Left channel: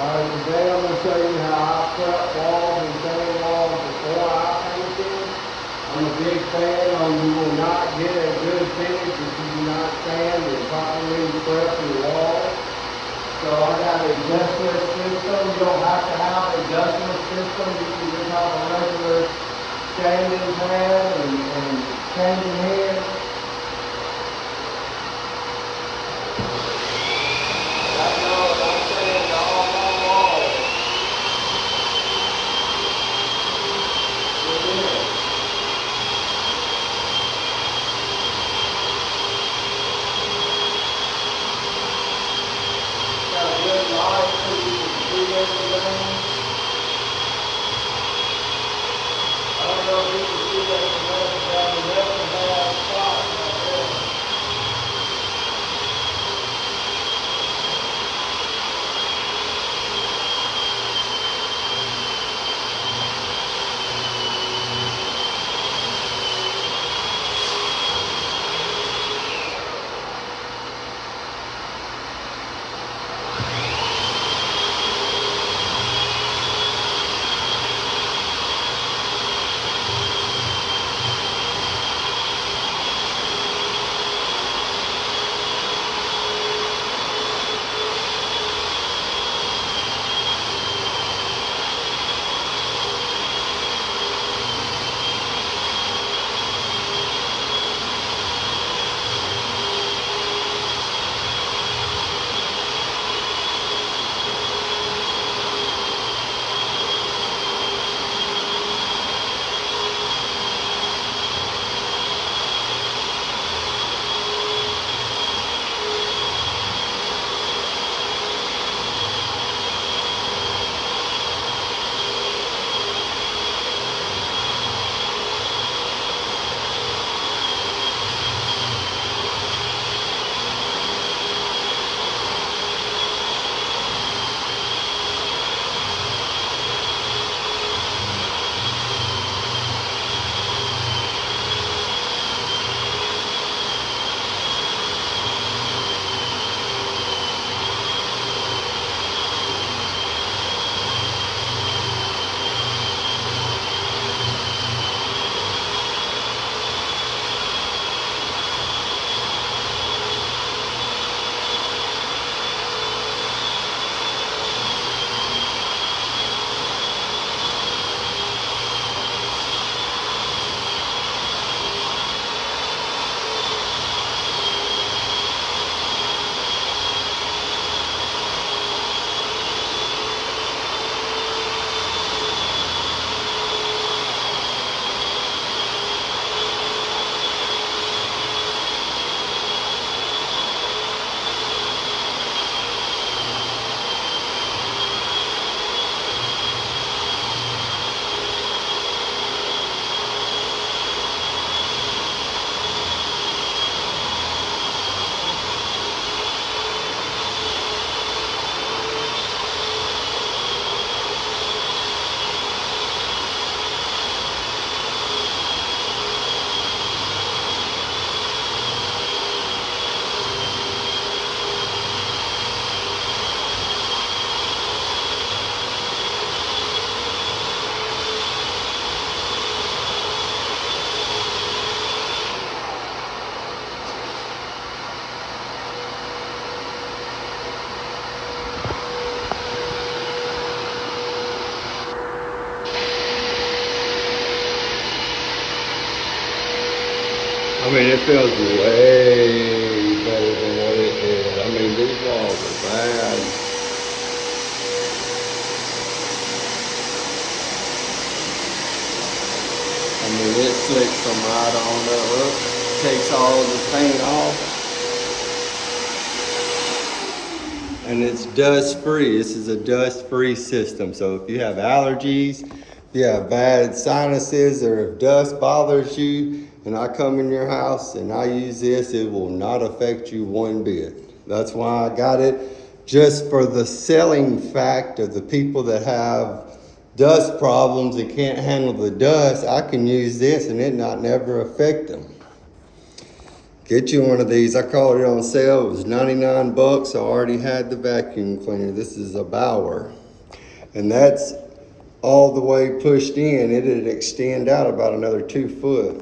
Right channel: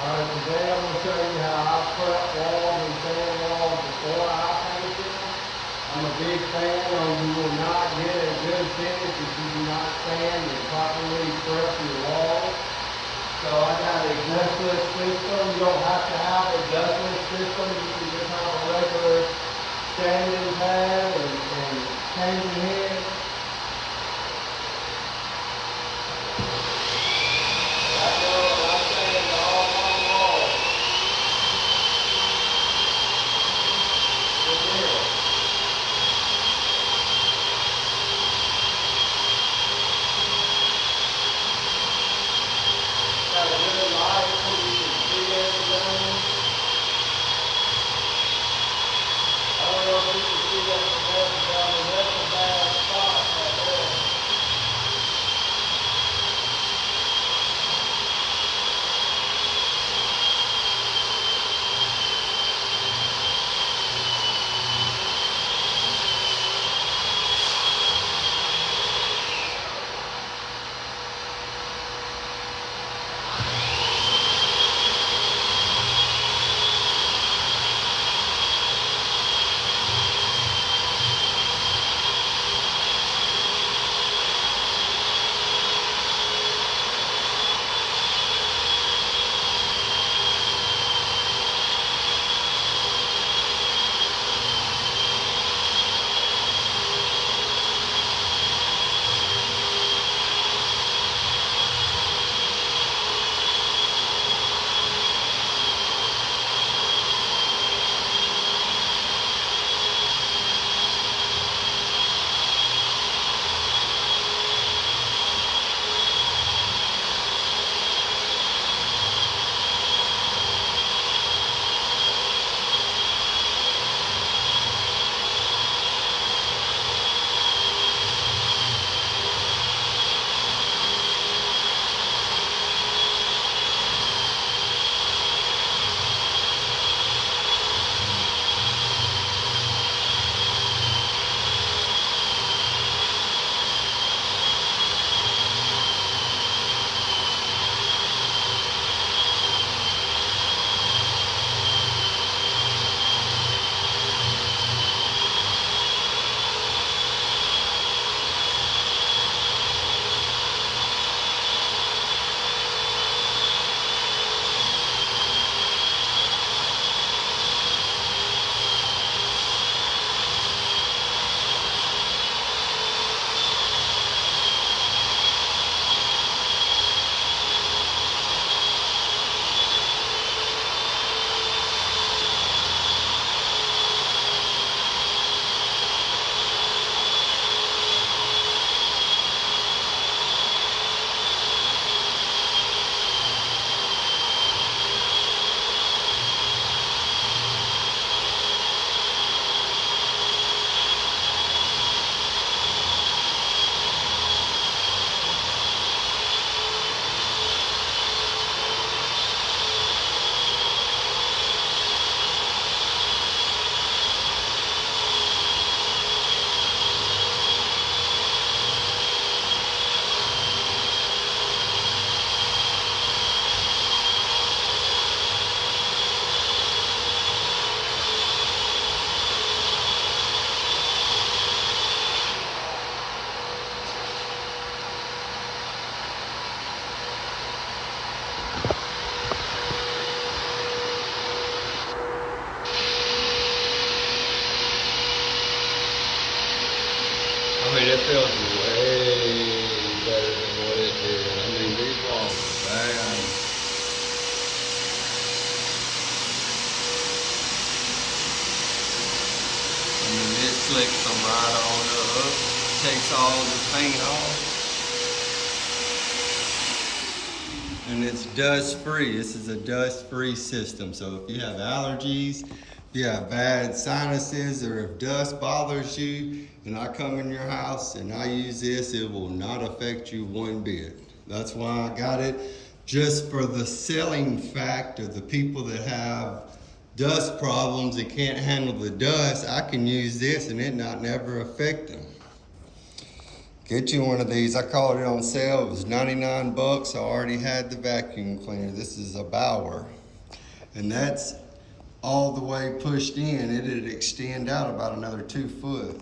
Alright, today I'm going to show you how I prep walls and sand walls before I paint them. I'm a big fan on you will not get a good finish if you do not sand and properly prep your walls. So I got a dustless system. You don't have to have a dustless system. You can just have a regular sanding pad and changing head. I mean, it feels way better than what it did. I mean, these walls are bad. I mean, it slicks them right on up, takes all the paint off. And it's dust free. This is a dust free system. So if you have allergies, if you have bad sinuses, or if dust bothers you, and I come in your house and I use this, it will not affect you one bit. That's why I got it, just for the selling fact of the people that have dust problems and can't handle the dust. I can use this and it not never affect them. Get you one of these. I called it on sale. It was 99 bucks. I already had the vacuum cleaner. This is a Bauer. And that's all the way pushed in. It'd extend out about another 2 foot.